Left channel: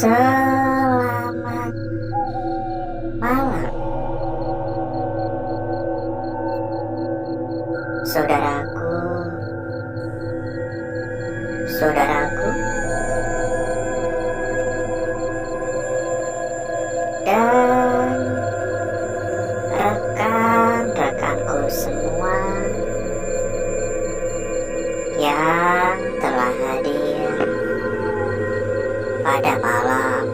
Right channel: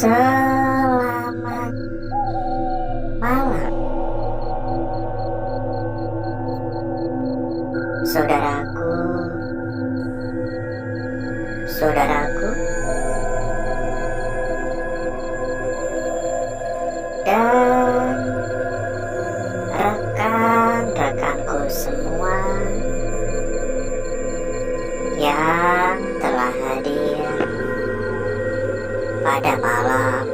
Selamat malam, saudaraku, saudaraku, dan rekan-rekanku semua yang telah hadir pada malam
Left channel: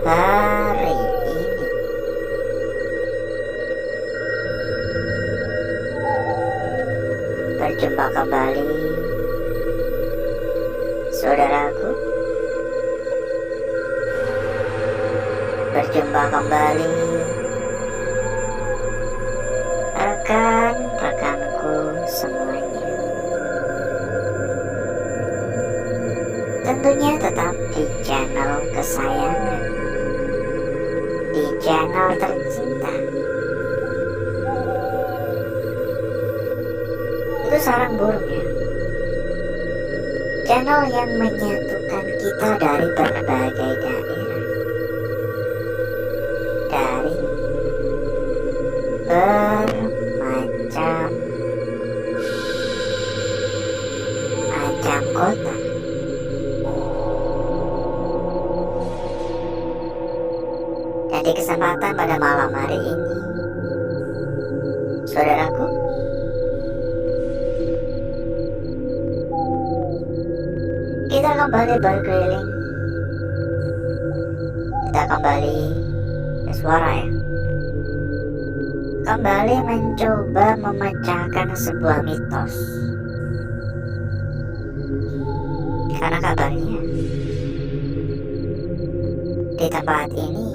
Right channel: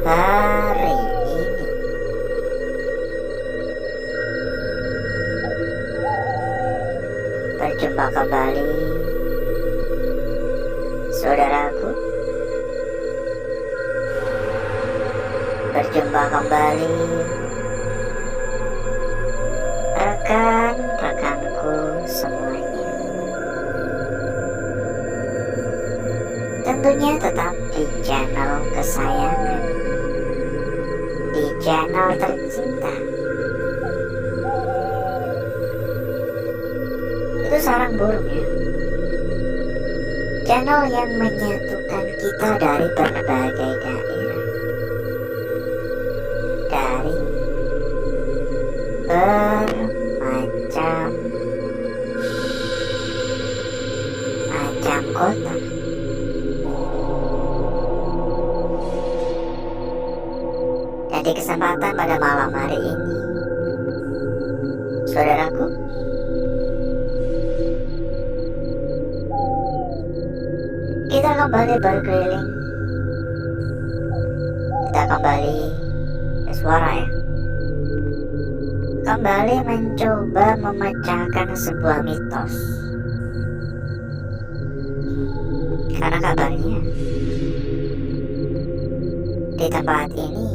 hari ini. Berjumpa kembali, saudaraku. Berjumpa kembali, rekan-rekanku semuanya. Tentunya tetap di channel kesayangan, di channel tercinta. Itu sarang burung ya. Channel yang menyatukan kita dari berbagai daerah, dari bermacam kota. Dan di kesempatan pada malam hari ini, saudaraku, kita kembali berkeliling. Kita kembali ke suara ya. Kembali mencoba memecahkan sebuah mitos. Karena kabarnya di tempat ini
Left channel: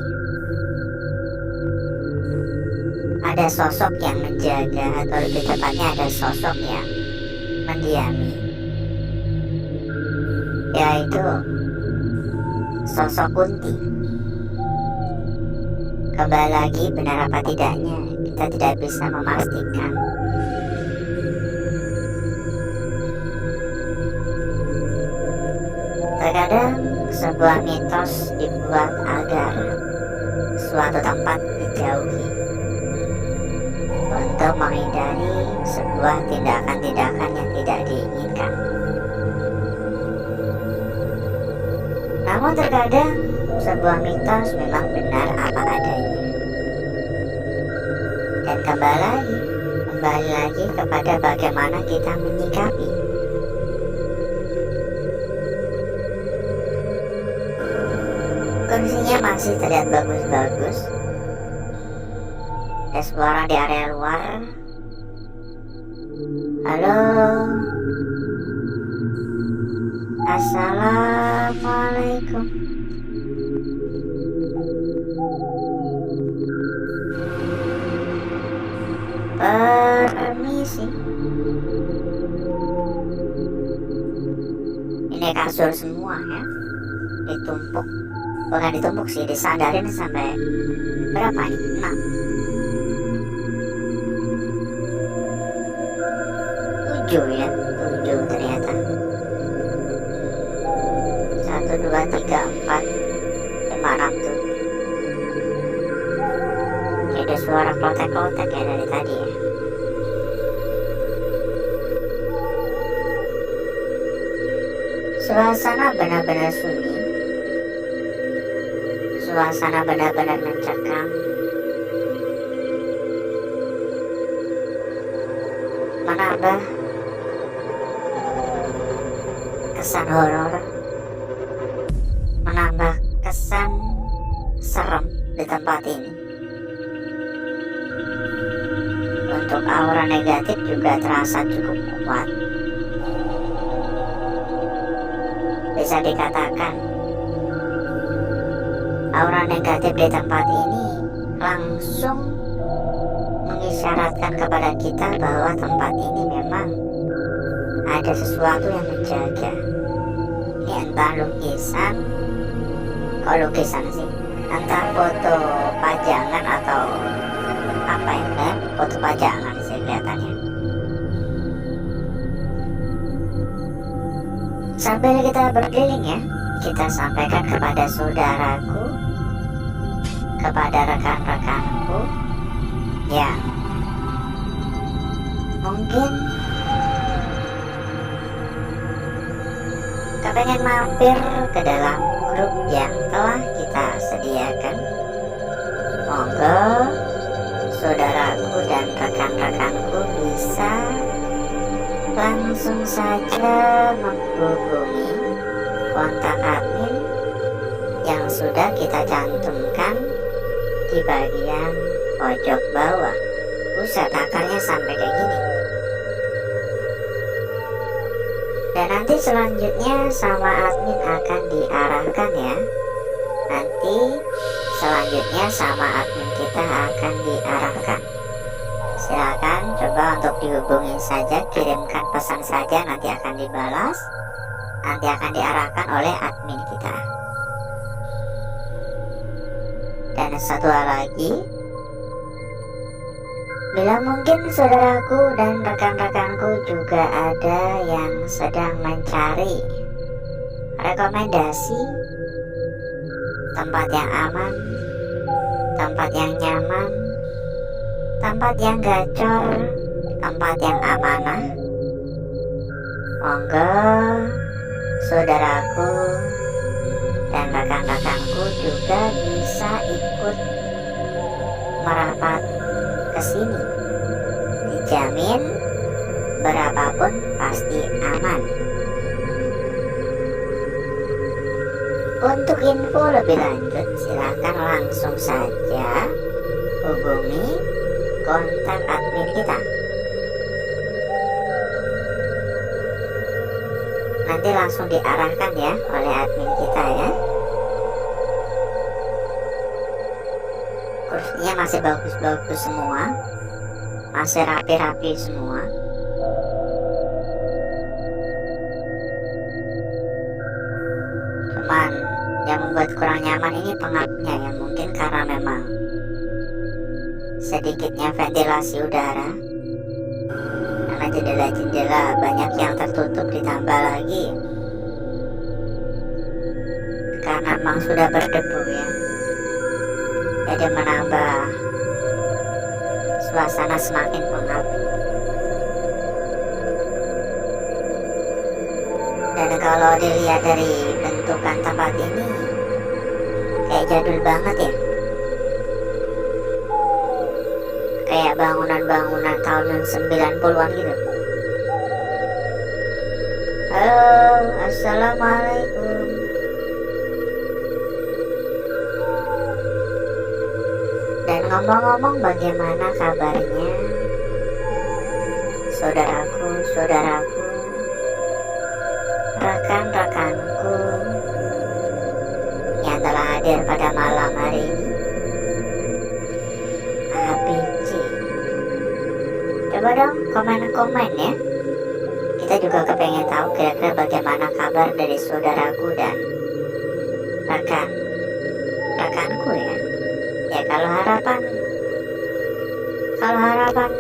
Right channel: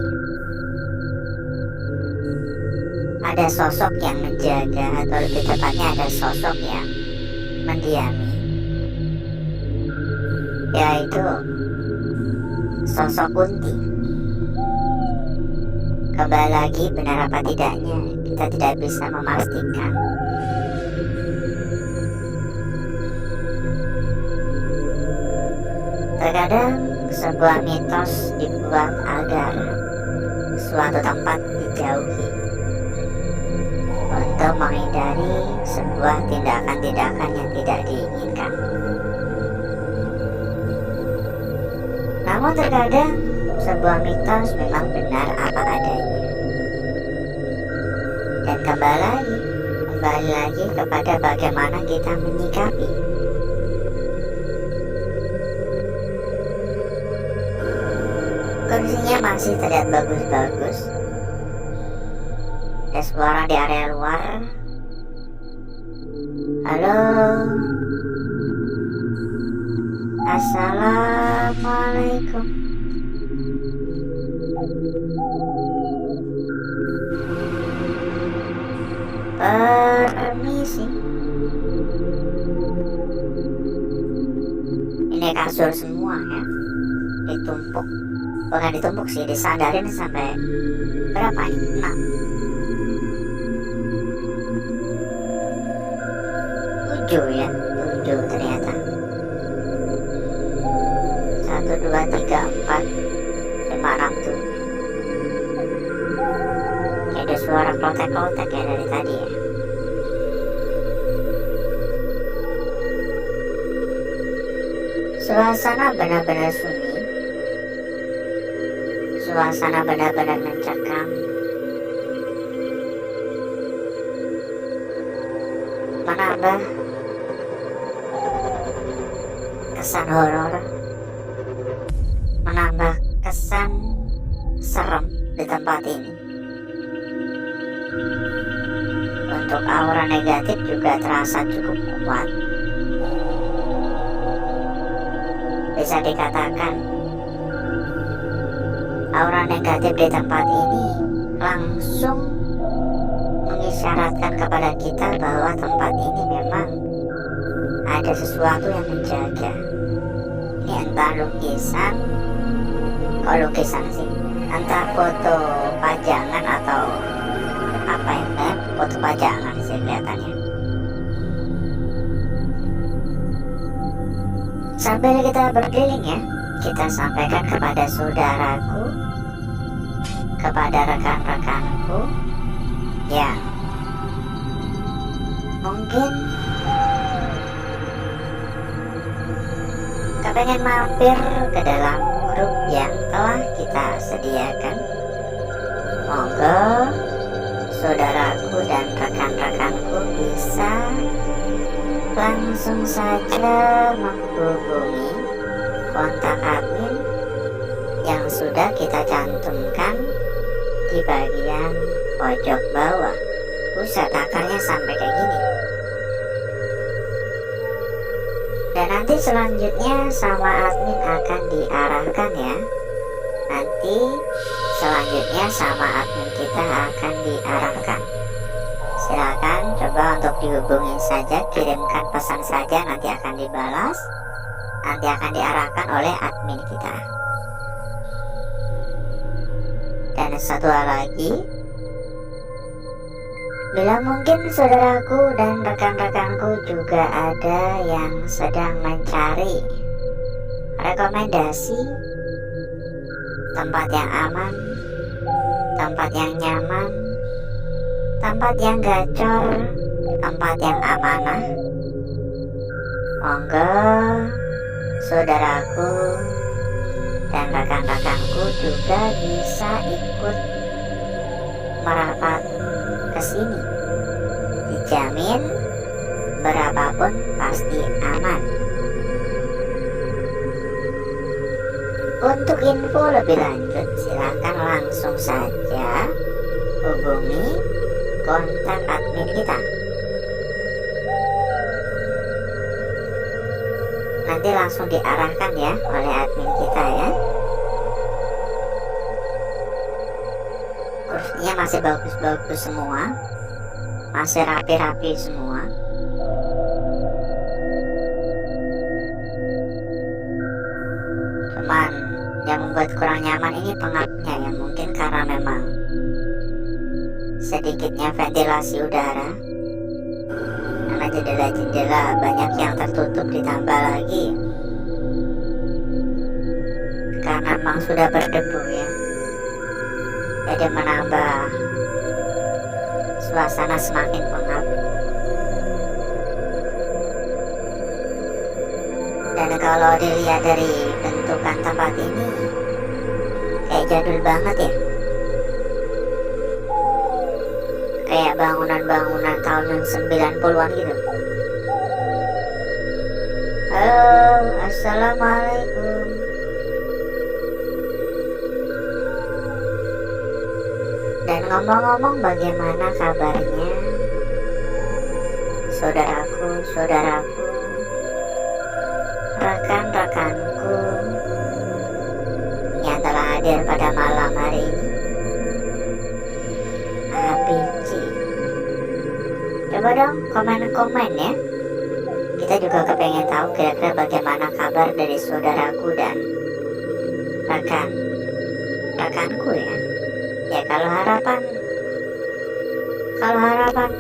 ada sosok yang menjaga, atau lebih tepatnya ada sosok yang mendiami, yaitu sosok Kunti. Kembali lagi, benar apa tidaknya kita tidak bisa memastikan. Terkadang sebuah mitos dibuat agar suatu tempat dijauhi untuk menghindari sebuah tindakan-tindakan yang tidak diinginkan. Namun terkadang sebuah mitos memang benar apa adanya. Dan kembali lagi kepada bagaimana kita menyikapi. Kondisinya masih terlihat bagus-bagus. Ada suara di area luar. Halo, assalamualaikum. Permisi. Ini kasur semua ya, ditumpuk. Bukan ditumpuk sih, disandarin sampai berapa nih? 6, 7 ya, 7 ternyata. 1, 2, 3, 4, 5, 6, 7. Kayak ada suara klotek-klotek ya dari tadi ya. Suasana benar-benar sunyi. Suasana benar-benar mencekam. Menambah kesan horor, menambah kesan serem di tempat ini. Untuk aura negatif juga terasa cukup kuat. Bisa dikatakan aura negatif di tempat ini langsung mengisyaratkan kepada kita bahwa tempat ini memang ada sesuatu yang menjaga. Ini entah lukisan, kok lukisan sih, entah foto pajangan atau apa yang foto pajangan sih kelihatannya. Sambil kita berkeliling ya, kita sampaikan kepada saudaraku, kepada rekan-rekanku yang mungkin kepengen mampir ke dalam grup yang telah kita sediakan. Monggo saudaraku dan rekan-rekanku bisa langsung saja menghubungi kontak admin yang sudah kita cantumkan di bagian pojok bawah. Buset, akarnya sampai kayak gini. Dan nanti selanjutnya sama admin akan diarahkan ya. Nanti selanjutnya sama admin kita akan diarahkan. Silakan coba untuk dihubungi saja, kirimkan pesan saja, nanti akan dibalas, nanti akan diarahkan oleh admin kita. Dan satu hal lagi, bila mungkin saudaraku dan rekan-rekanku juga ada yang sedang mencari rekomendasi tempat yang aman, tempat yang nyaman, tempat yang gacor, tempat yang amanah, monggo saudaraku dan rekan-rekanku juga bisa ikut merapat ke sini. Dijamin berapapun pasti aman. Untuk info lebih lanjut silakan langsung saja hubungi kontak admin kita. Nanti langsung diarahkan ya oleh admin kita ya. Kursinya masih bagus-bagus semua, masih rapi-rapi semua. Cuman yang membuat kurang nyaman ini pengapnya ya, mungkin karena memang sedikitnya ventilasi udara, karena jendela-jendela banyak yang tertutup, ditambah lagi karena memang sudah berdebu ya, jadi menambah suasana semakin pengap. Dan kalau dilihat dari bentukan tempat ini kayak jadul banget ya, kayak bangunan-bangunan tahun 90-an gitu. Halo, assalamualaikum. Dan ngomong-ngomong, bagaimana kabarnya saudaraku, rekan-rekanku yang telah hadir pada malam hari ini? APC, coba dong komen-komen ya. Kita juga kepengen tahu kira-kira bagaimana kabar dari saudaraku dan rekanku ya. Ya kalau harapan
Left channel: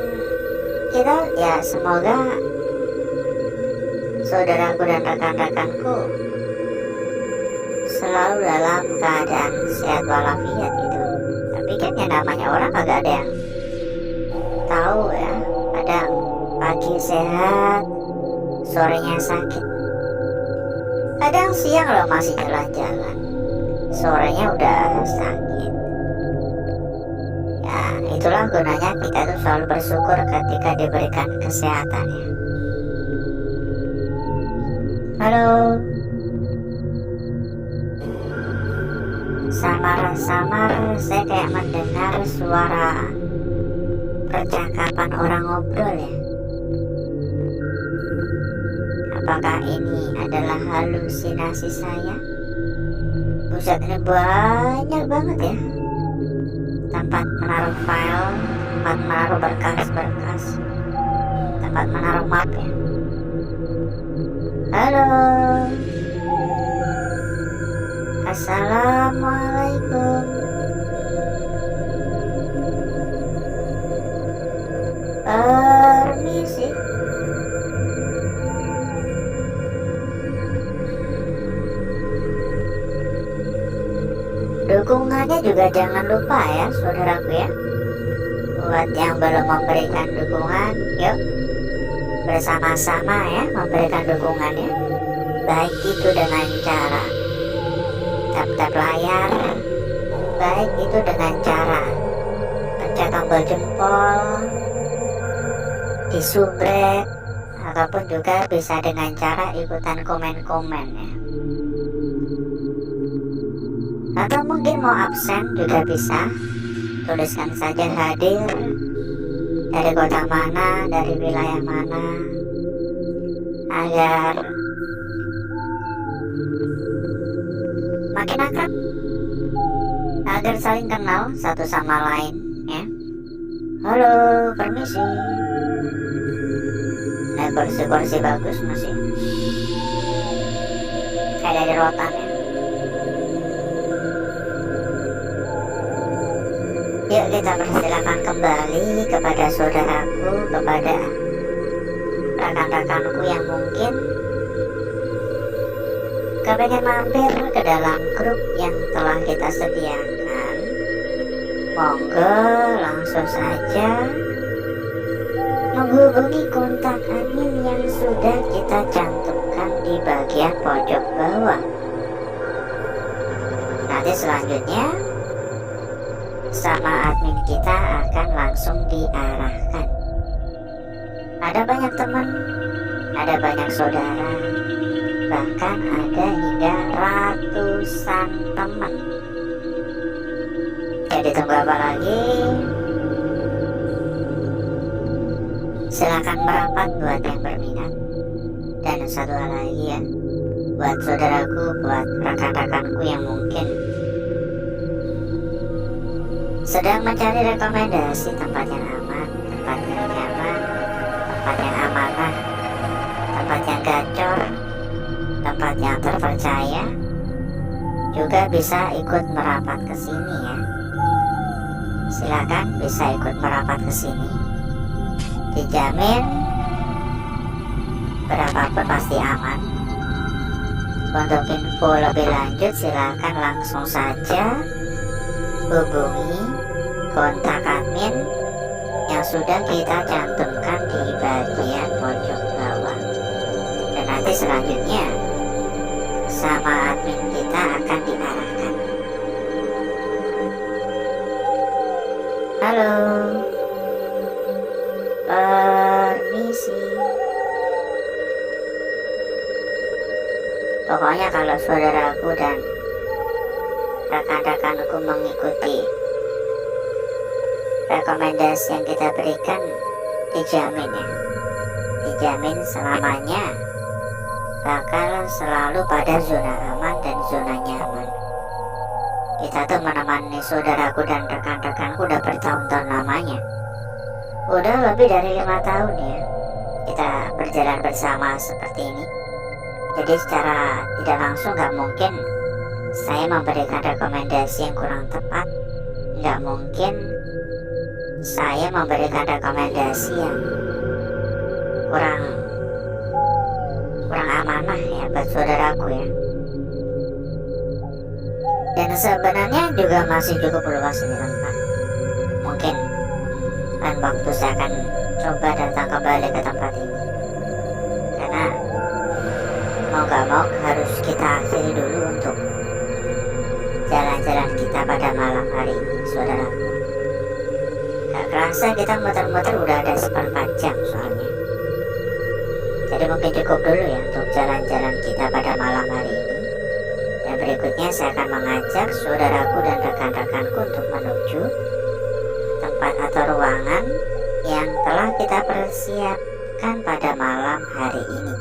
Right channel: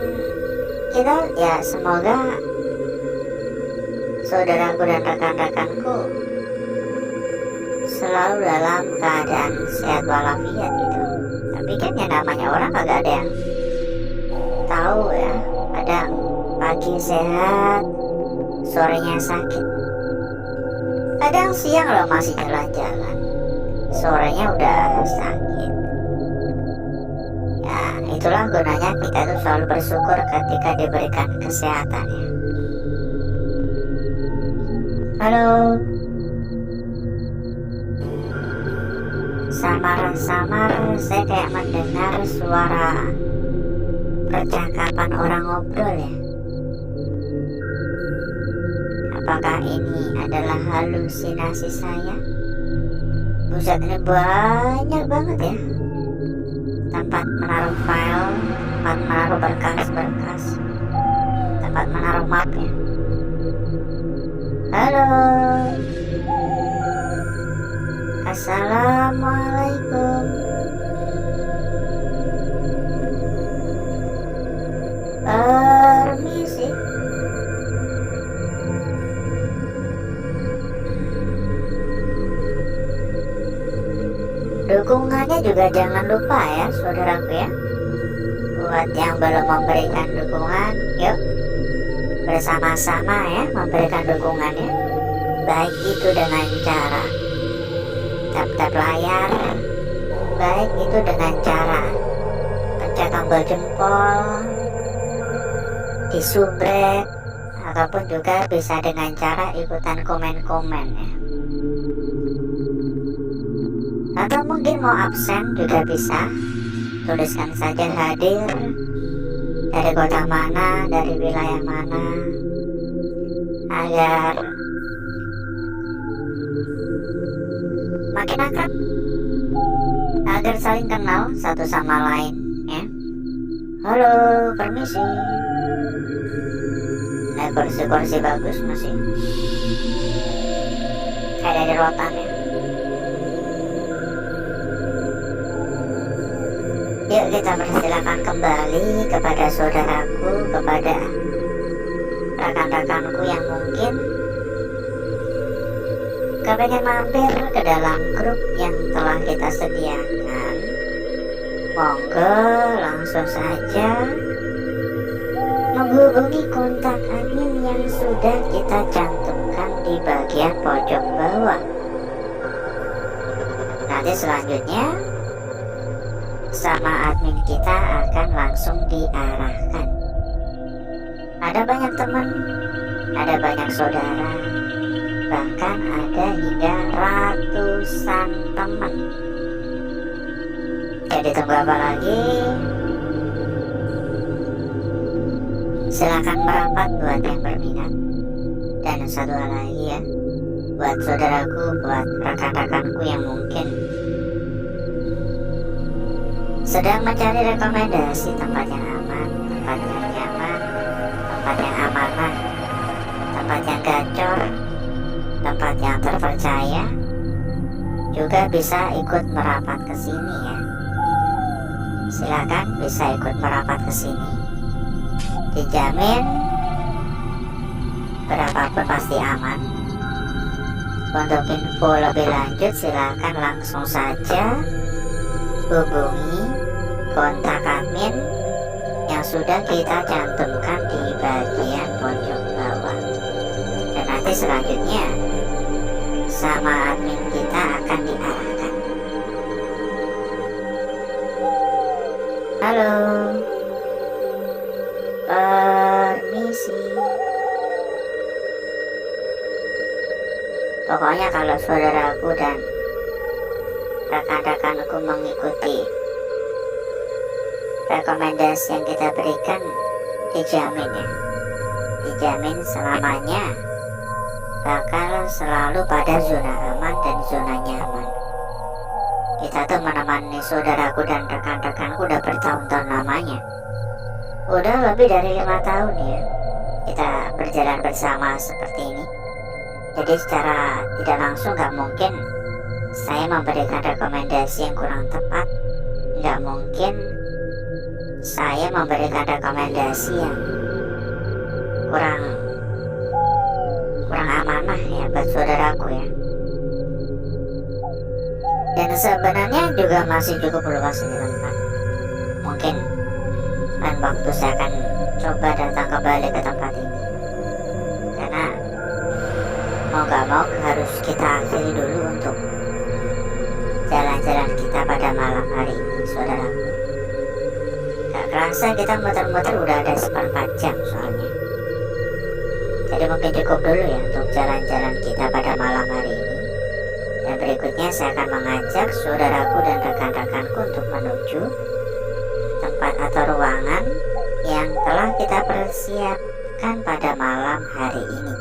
kita ya semoga saudaraku dan rekan-rekanku selalu dalam keadaan sehat walafiat gitu. Tapi kan yang namanya orang kagak ada yang tahu ya. Kadang pagi sehat, sorenya sakit. Kadang siang lo masih jalan-jalan, sorenya udah sakit. Ya itulah gunanya kita tuh selalu bersyukur ketika diberikan kesehatan ya. Halo. Samar-samar saya kayak mendengar suara percakapan orang ngobrol ya. Apakah ini adalah halusinasi saya? Buset, ini banyak banget ya tempat menaruh file, tempat menaruh berkas-berkas, tempat menaruh map ya. Halo, assalamualaikum. Permisi. Dukungannya juga jangan lupa ya saudaraku ya. Buat yang belum memberikan dukungan, yuk bersama-sama ya memberikan dukungannya. Baik itu dengan cara tap-tap layar, baik itu dengan cara pencet tombol jempol, disubrek, ataupun juga bisa dengan cara ikutan komen-komen ya. Atau mungkin mau absen juga bisa, tuliskan saja hadir, dari kota mana, dari wilayah mana, agar makin akrab, agar saling kenal satu sama lain ya. Halo, permisi. Nah, kursi-kursi bagus masih kayak dari rotan ya. Yuk kita persilakan kembali kepada saudaraku, kepada rekan-rekanku yang mungkin kepengen mampir ke dalam grup yang telah kita sediakan. Monggo langsung saja menghubungi kontak admin yang sudah kita cantumkan di bagian pojok bawah. Nanti selanjutnya sama admin kita akan langsung diarahkan. Ada banyak teman, ada banyak saudara, bahkan ada hingga ratusan teman. Jadi tunggu apa lagi? Silakan merapat buat yang berminat. Dan satu hal lagi ya, buat saudaraku, buat rekan-rekanku yang mungkin sedang mencari rekomendasi tempat yang aman, tempat yang nyaman, tempat yang amanah, tempat yang gacor, tempat yang terpercaya, juga bisa ikut merapat ke sini ya. Silakan bisa ikut merapat ke sini. Dijamin berapapun pasti aman. Untuk info lebih lanjut silakan langsung saja hubungi kontak admin yang sudah kita cantumkan di bagian pojok bawah. Dan nanti selanjutnya sama admin kita akan diarahkan. Halo, permisi. Pokoknya kalau saudaraku dan rekan-rekanku mengikuti rekomendasi yang kita berikan, dijamin ya, dijamin selamanya bakal selalu pada zona aman dan zona nyaman. Kita tuh menemani saudaraku dan rekan-rekanku udah bertahun-tahun lamanya, udah lebih dari 5 tahun ya kita berjalan bersama seperti ini. Jadi secara tidak langsung gak mungkin saya memberikan rekomendasi yang kurang tepat, nggak mungkin saya memberikan rekomendasi yang kurang amanah ya buat saudaraku ya. Dan sebenarnya juga masih cukup luas ini tempat. Mungkin lain waktu saya akan coba datang kembali ke tempat ini, karena mau gak mau harus kita akhiri dulu untuk jalan-jalan kita pada malam hari ini saudaraku. Gak kerasa kita muter-muter udah ada 4 jam soalnya. Jadi mungkin cukup dulu ya untuk jalan-jalan kita pada malam hari ini. Dan berikutnya saya akan mengajak saudaraku dan rekan-rekanku untuk menuju tempat atau ruangan yang telah kita persiapkan pada malam hari ini.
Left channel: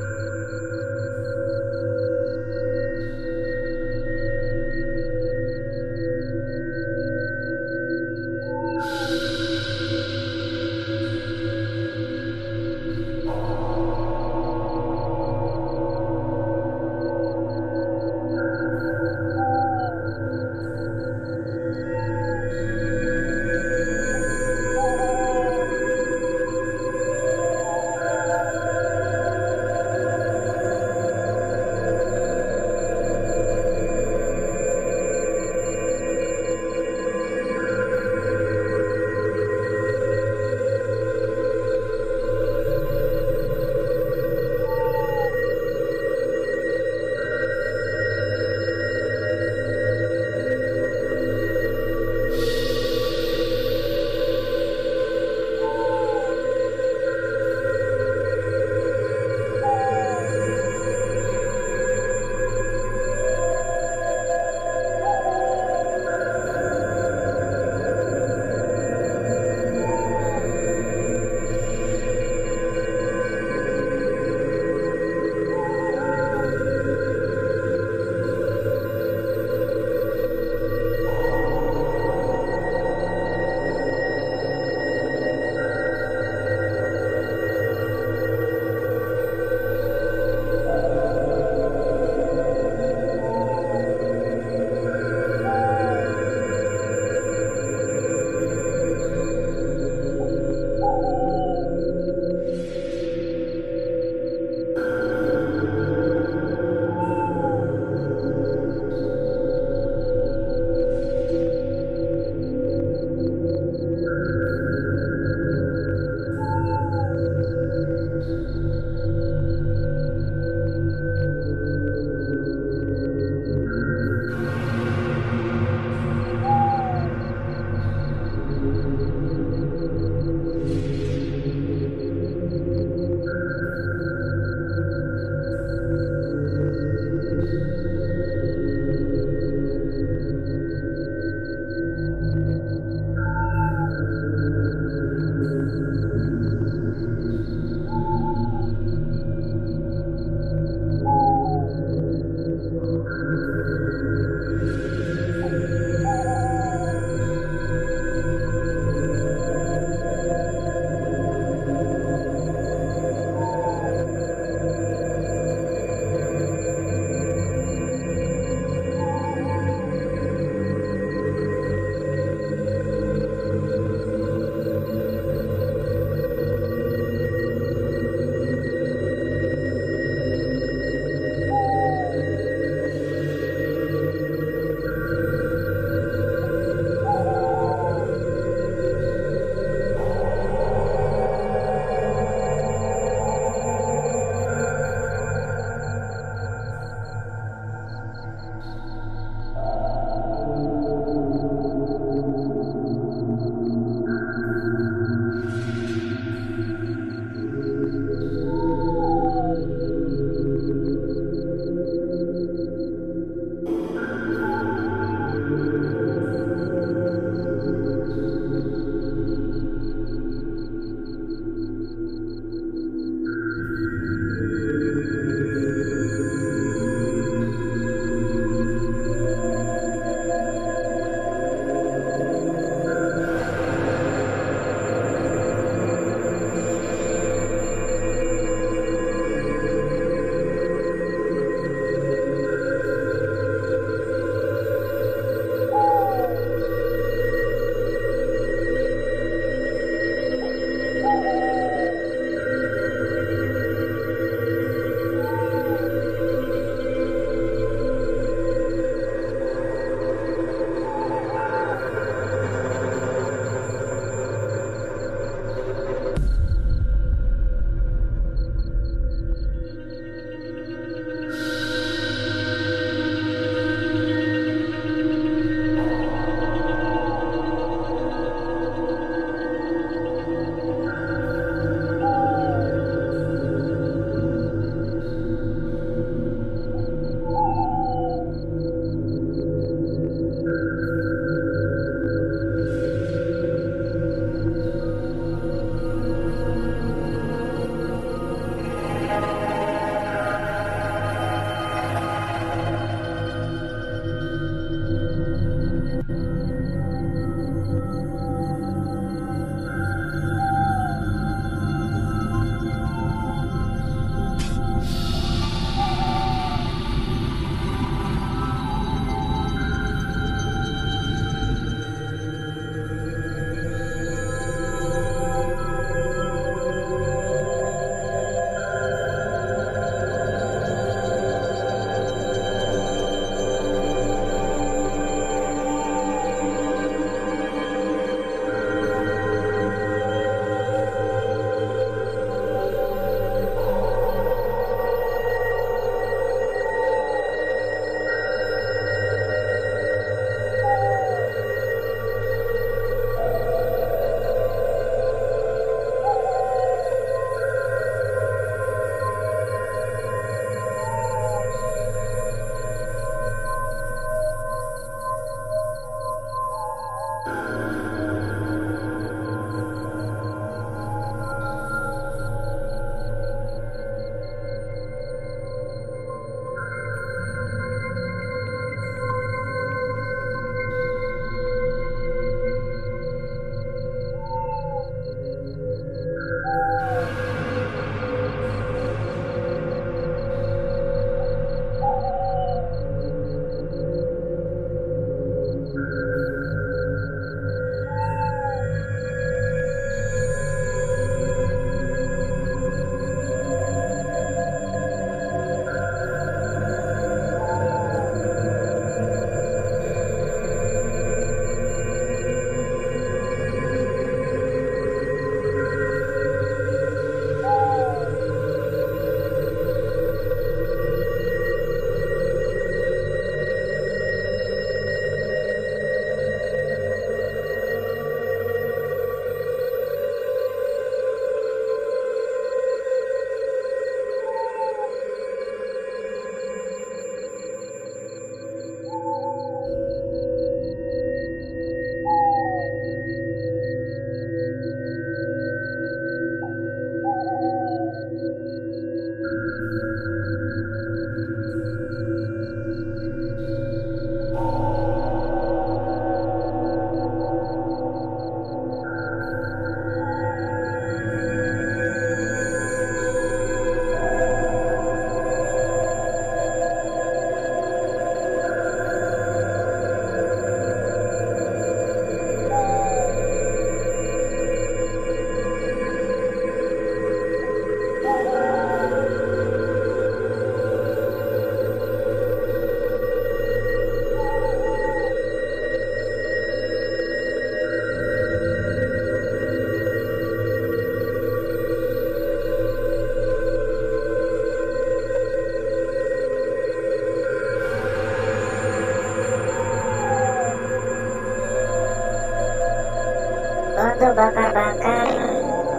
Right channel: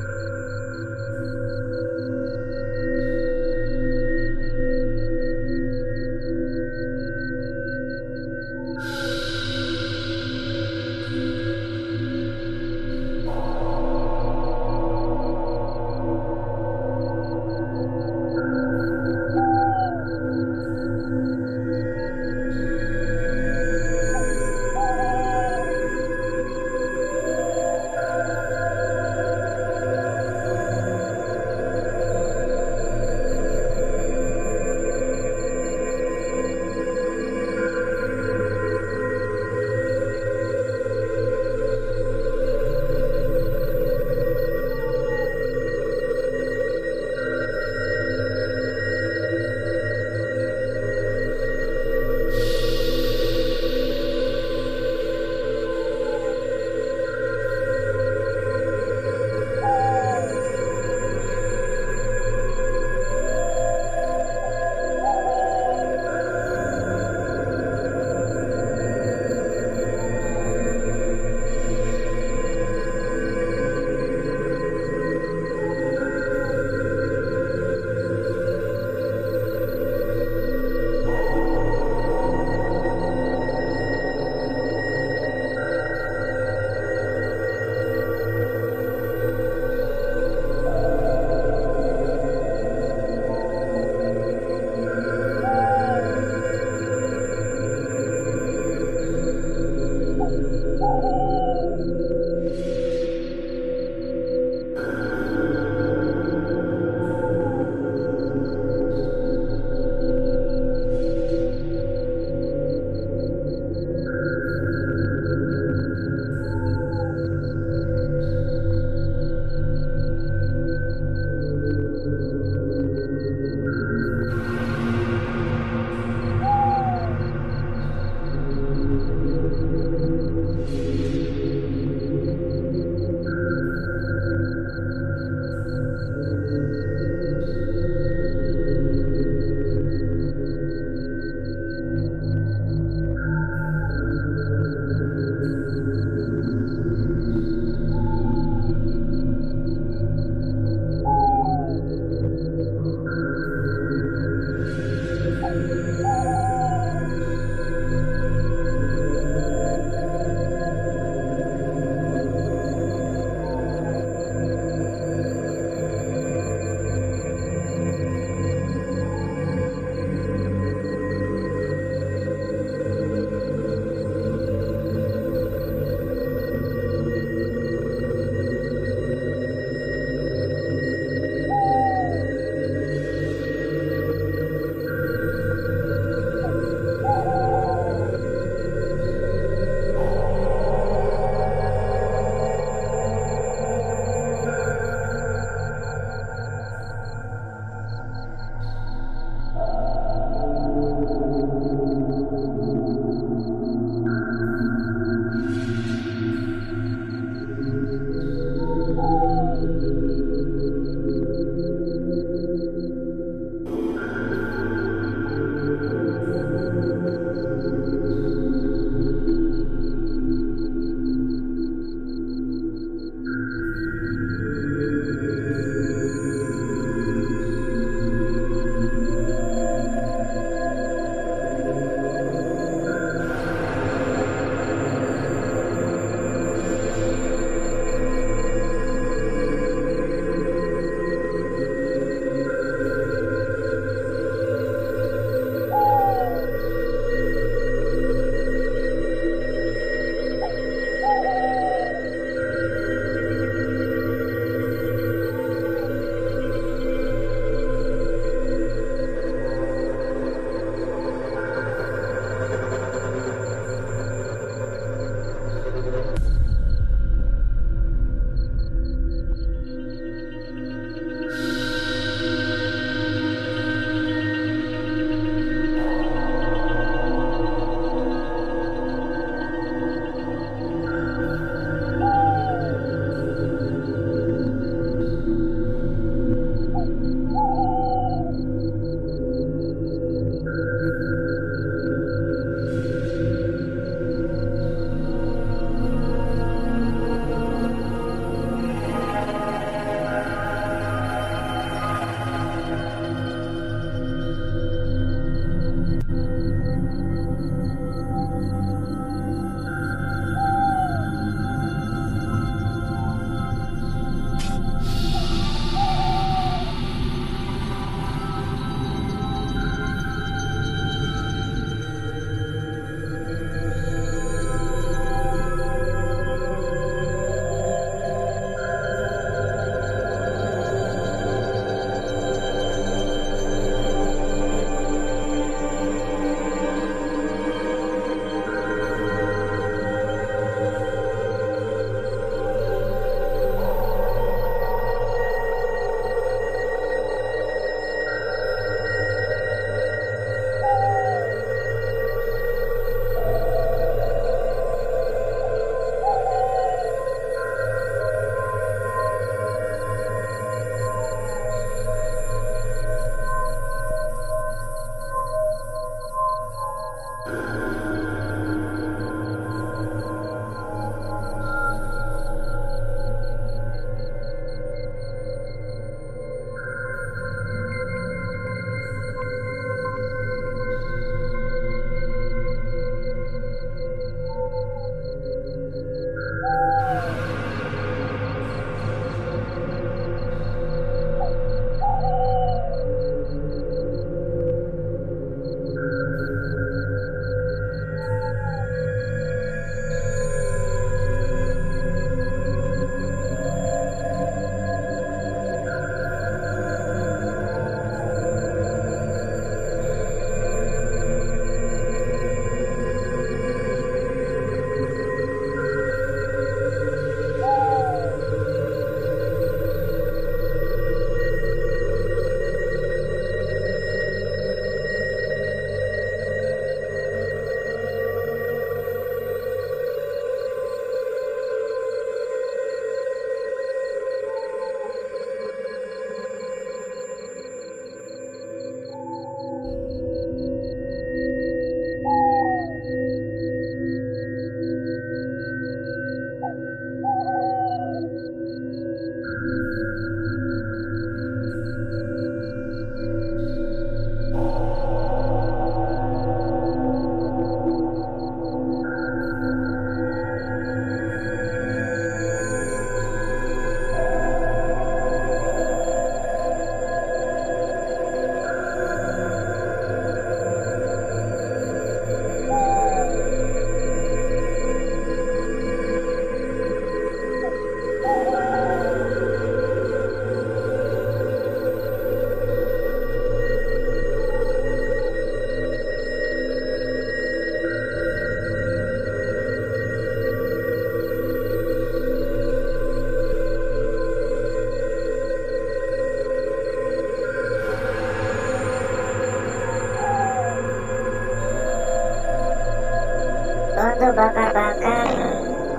Untuk bakar-bakar,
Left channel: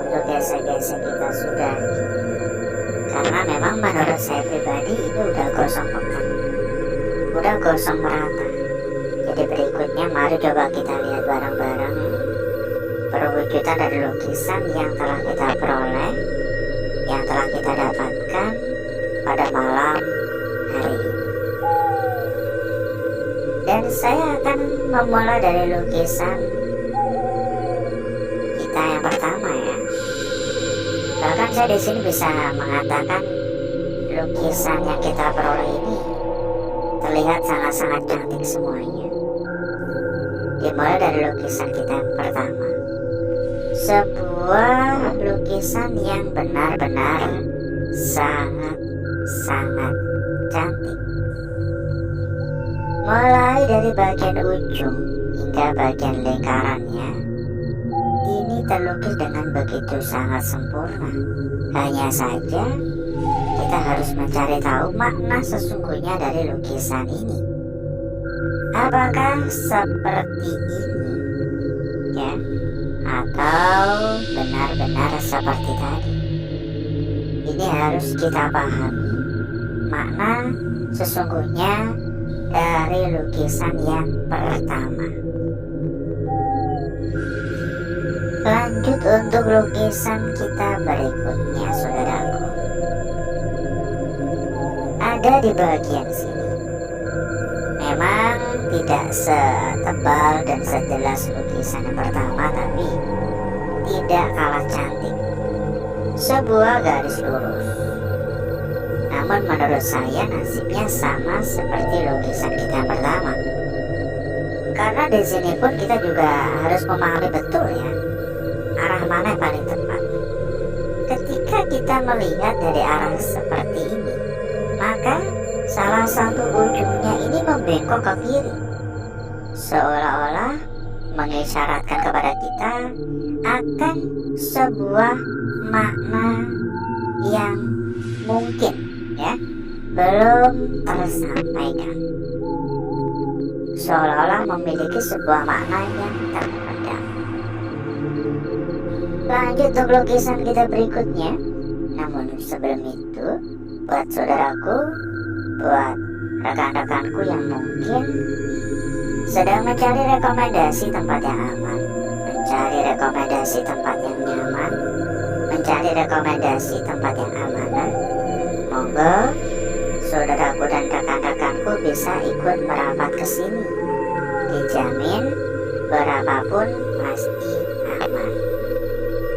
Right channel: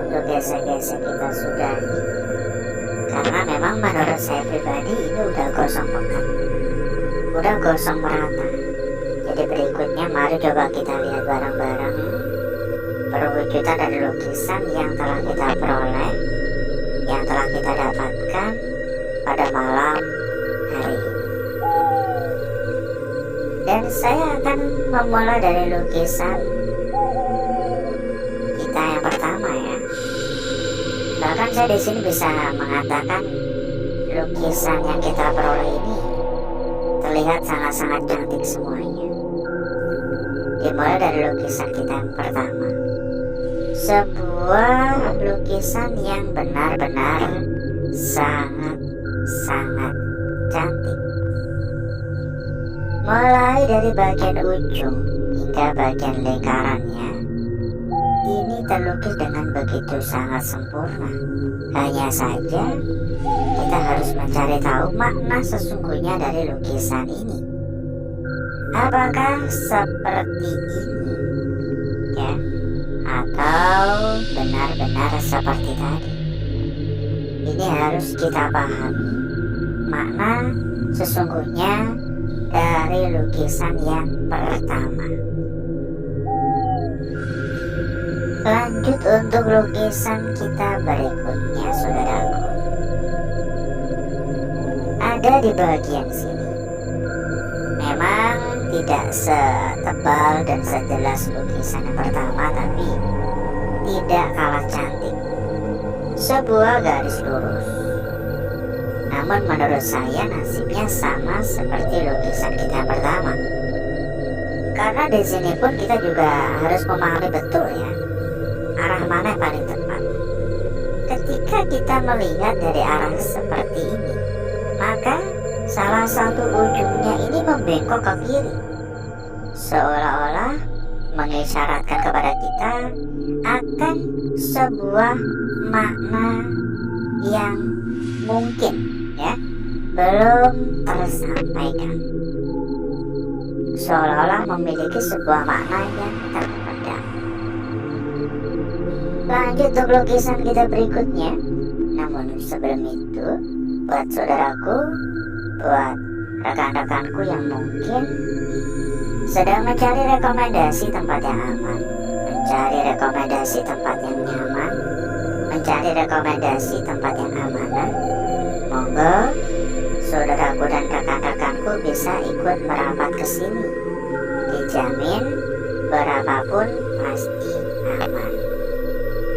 untuk gesek-gesek kita sudahi. Karena memang menurut saya pribadi ini udah gosong pekat, udah gosong merata. Jadi berikutnya mari coba kita lihat bareng-bareng perwujudan dari lukisan yang telah kita peroleh, yang telah kita dapatkan pada malam hari ini. Dan saya akan memulai dari lukisan kita yang pertama ya. Bahkan saya di sini bisa mengatakan lukisan yang kita peroleh ini terlihat sangat-sangat cantik semuanya. Dimulai dari lukisan kita yang pertama, sebuah lukisan yang benar-benar sangat-sangat cantik. Mulai dari bagian ujung hingga bagian lingkarannya, ini terlukis dengan begitu sangat sempurna. Hanya saja kita harus mencari tahu makna sesungguhnya dari lukisan ini. Apakah seperti ini ya, atau benar-benar seperti tadi? Ini harus kita pahami makna sesungguhnya dari lukisan yang pertama. Lanjut untuk lukisan kita berikutnya, saudaraku. Ada di bagian sini. Memang tidak setebal dan sejelas lukisan yang pertama, tapi tidak kalah cantik. Sebuah garis lurus. Namun menurut saya nasibnya sama seperti lukisan kita yang pertama. Karena di sini pun kita juga harus memahami betul ya, arah mana yang paling tepat. Ketika kita melihat dari arah seperti ini, maka salah satu ujungnya ini membengkok ke kiri, seolah-olah mengisyaratkan kepada kita akan sebuah makna yang mungkin ya belum tersampaikan, seolah-olah memiliki sebuah makna yang terpendam. Lanjut untuk lukisan kita berikutnya. Namun sebelum itu, buat saudaraku, buat rekan-rekanku yang mungkin sedang mencari rekomendasi tempat yang aman, mencari rekomendasi tempat yang nyaman, mencari rekomendasi tempat yang amanah. Monggo, saudaraku dan rekan-rekanku bisa ikut merapat ke sini. Dijamin berapapun pasti aman.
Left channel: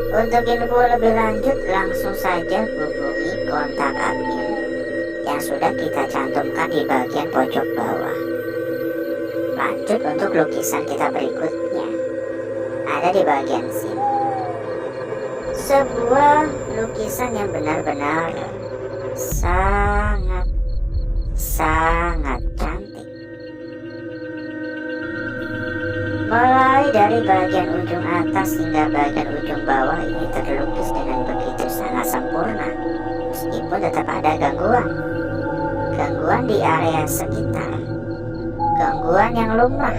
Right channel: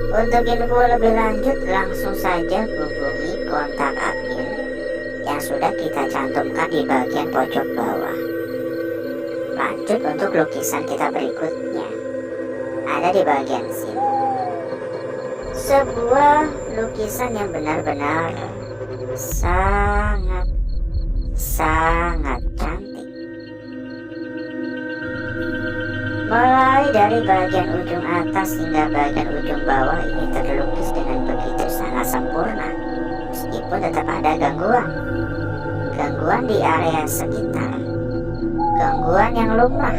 Untuk info lebih lanjut langsung saja hubungi kontak admin yang sudah kita cantumkan di bagian pojok bawah. Lanjut untuk lukisan kita berikutnya, ada di bagian sini. Sebuah lukisan yang benar-benar sangat cantik. Mulai dari bagian ujung atas hingga bagian ujung bawah ini terlukis dengan begitu sangat sempurna. Meskipun tetap ada gangguan di area sekitar, gangguan yang lumrah.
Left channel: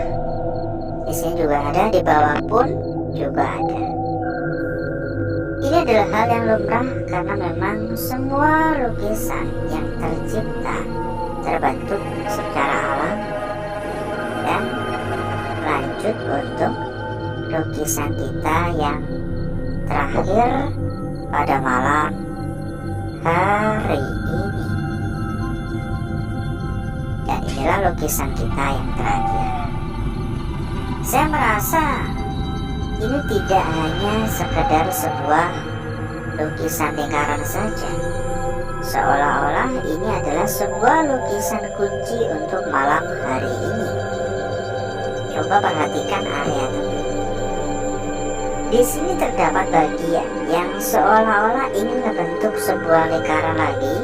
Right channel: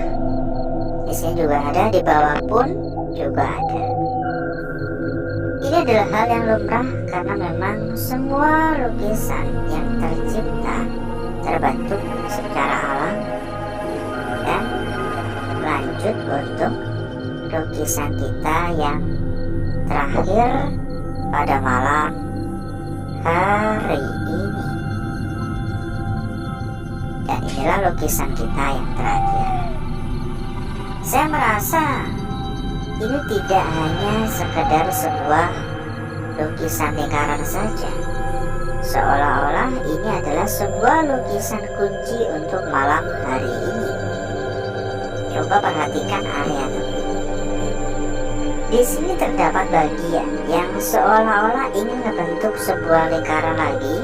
Di sini juga ada, di bawah pun juga ada. Ini adalah hal yang lumrah karena memang semua lukisan yang tercipta terbentuk secara alami. Dan lanjut untuk lukisan kita yang terakhir pada malam hari ini. Dan inilah lukisan kita yang terakhir. Saya merasa ini tidak hanya sekedar sebuah lukisan lingkaran saja, seolah-olah ini adalah sebuah lukisan kunci untuk malam hari ini. Coba perhatikan area tepi. Di sini terdapat bagian yang seolah-olah ingin membentuk sebuah lingkaran lagi.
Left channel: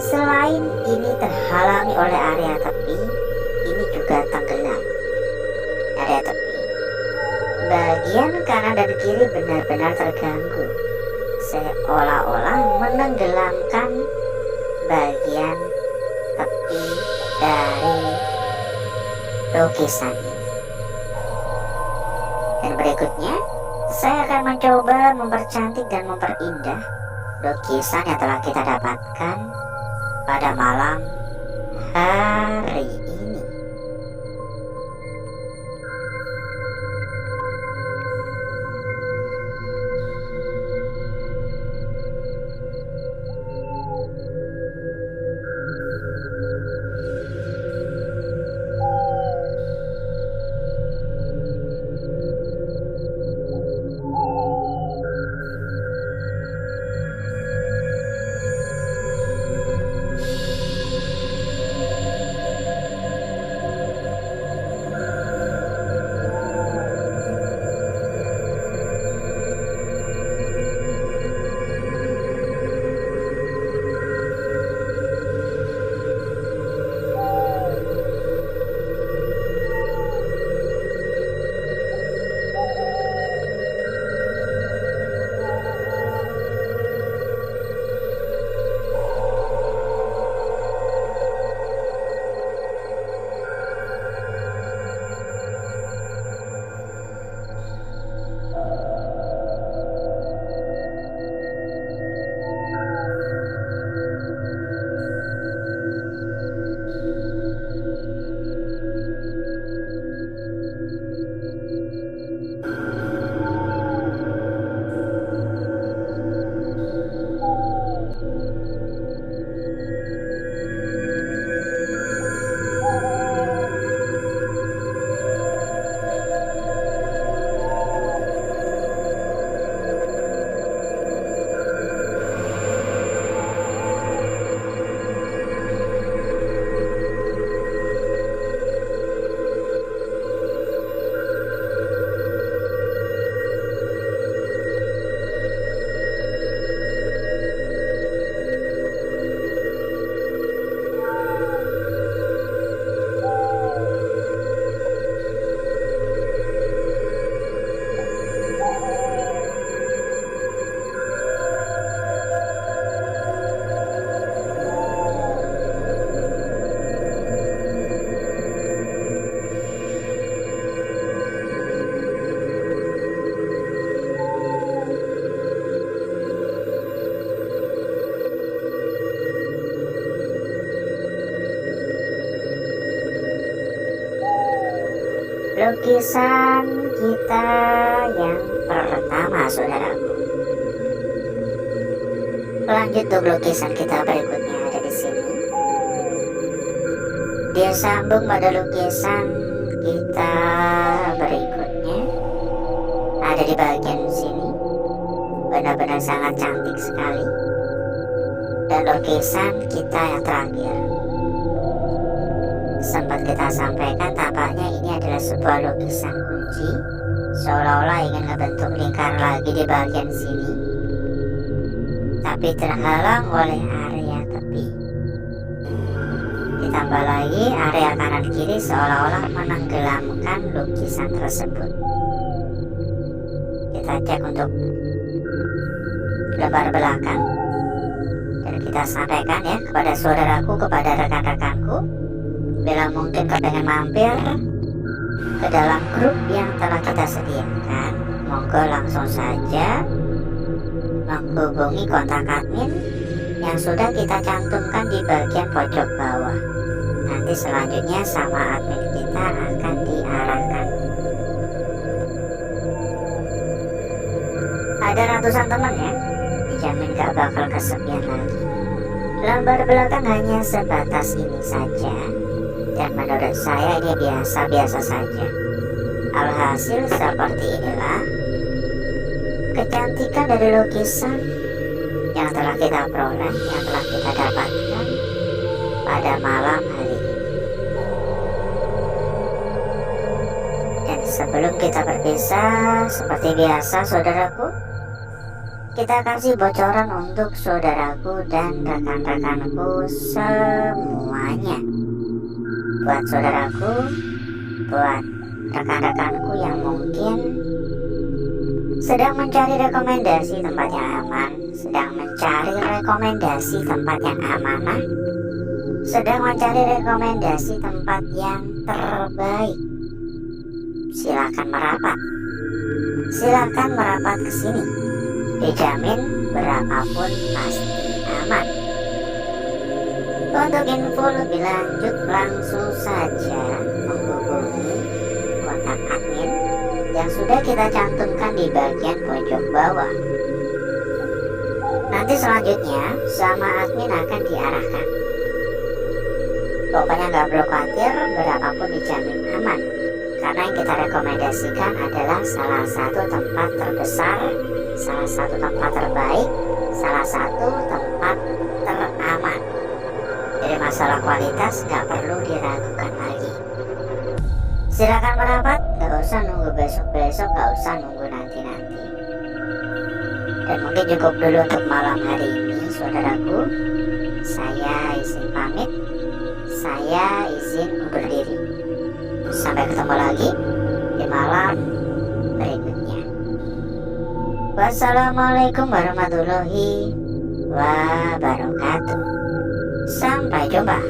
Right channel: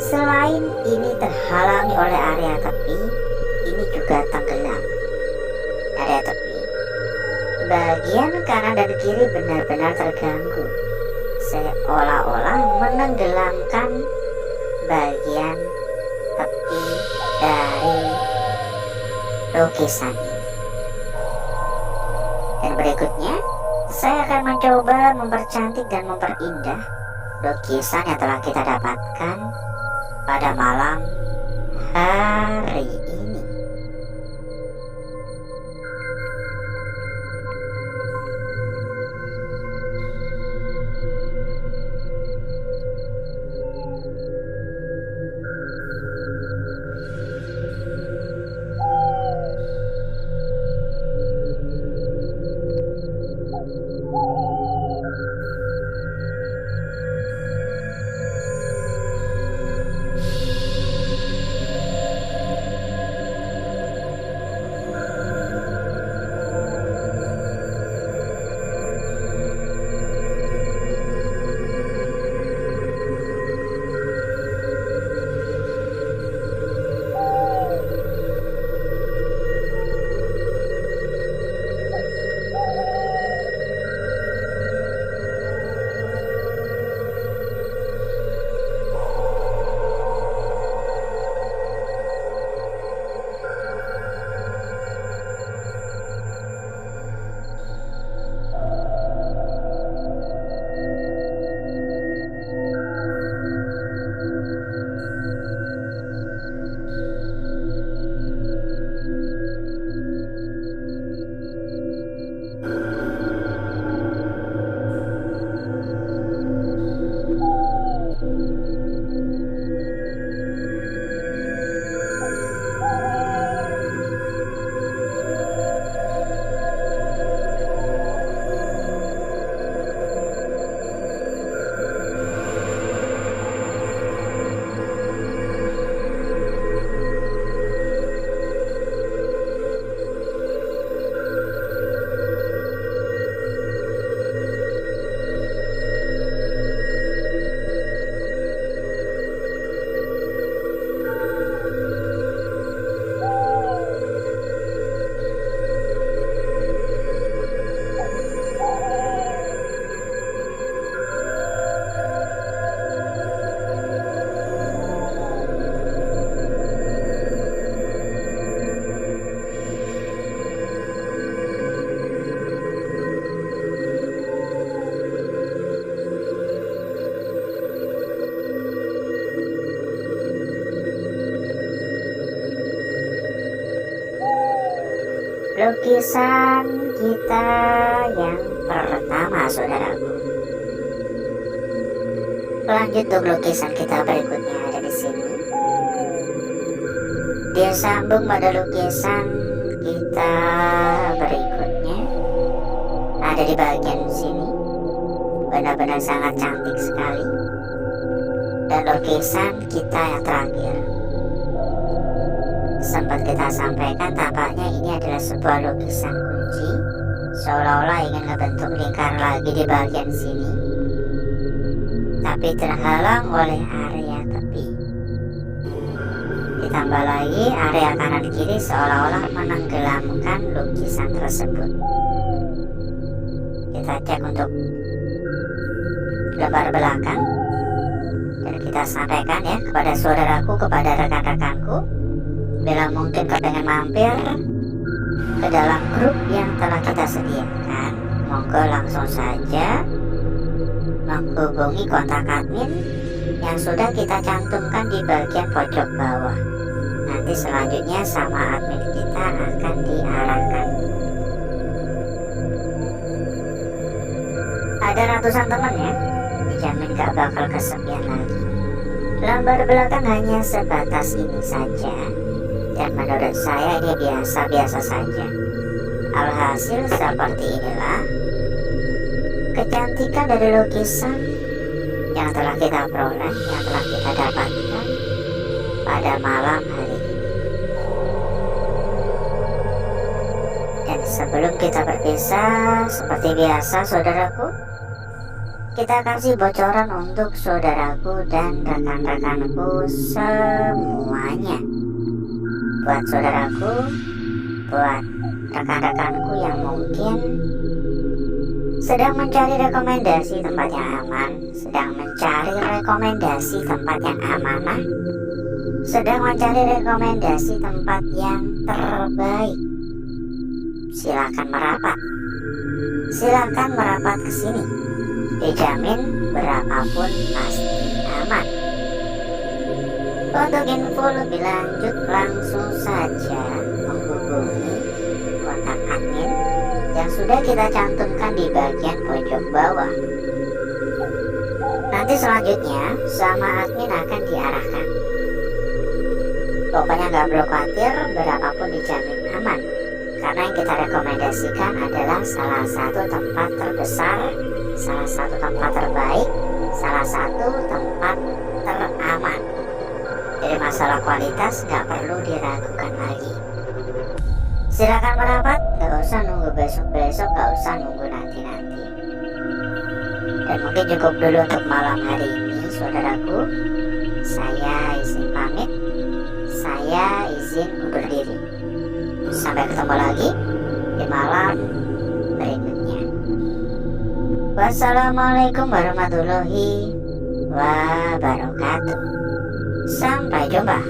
Selain ini terhalangi oleh area tepi, ini juga tenggelam. Area tepi, bagian kanan dan kiri benar-benar terganggu, seolah-olah menenggelamkan bagian tepi dari lukisan ini. Dan berikutnya, saya akan mencoba mempercantik dan memperindah lukisan yang telah kita dapatkan pada malam hari ini. lukisan kita yang pertama, saudaraku. Lanjut untuk lukisan kita berikutnya ada di sini. Dia sambung pada lukisan kita berikutnya ada di bagian sini. Benar-benar sangat cantik sekali. Dan lukisan kita yang terakhir, sempat kita sampaikan tampaknya ini adalah sebuah lukisan kunci, seolah-olah ingin ngebentuk lingkar lagi di bagian sini, tapi terhalang oleh area tepi. Ditambah lagi area kanan kiri seolah-olah menenggelamkan lukisan tersebut. Kita cek untuk lembar belakang dan kita sampaikan ya kepada saudaraku, kepada rekan-rekanku, bila mungkin kepengen mampir ke dalam grup yang telah kita sediakan, monggo langsung saja menghubungi kontak admin yang sudah kita cantumkan di bagian pojok bawah. Nanti selanjutnya sama admin kita akan diarahkan. Ada ratusan teman ya, dijamin gak bakal kesepian lagi. Lembar belakang hanya sebatas ini saja, dan menurut saya ini biasa-biasa saja. Alhasil seperti inilah kecantikan dari lukisan yang telah kita peroleh, yang telah kita dapatkan pada malam hari ini. Dan sebelum kita berpisah, seperti biasa saudaraku, kita kasih bocoran untuk saudaraku dan rekan-rekanku semuanya. Buat saudaraku, buat rekan-rekanku yang mungkin sedang mencari rekomendasi tempat yang aman, sedang mencari rekomendasi tempat yang amanah, sedang mencari rekomendasi tempat yang terbaik, silakan merapat. Silakan merapat ke sini. Dijamin berapapun pasti aman. Untuk info lebih lanjut langsung saja menghubungi kontak admin yang sudah kita cantumkan di bagian pojok bawah. Nanti selanjutnya sama admin akan diarahkan. Pokoknya nggak perlu khawatir, berapapun dijamin aman. Karena yang kita rekomendasikan adalah salah satu tempat terbesar, salah satu tempat terbaik, salah satu tempat teraman. Jadi masalah kualitas nggak perlu diragukan lagi. Silakan merapat, gak usah nunggu besok-besok, gak usah nunggu nanti-nanti. Dan mungkin cukup dulu untuk malam hari ini saudaraku. Saya izin pamit, saya izin undur diri. Sampai ketemu lagi di malam berikutnya. Wassalamualaikum warahmatullahi wabarakatuh. Sampai jumpa.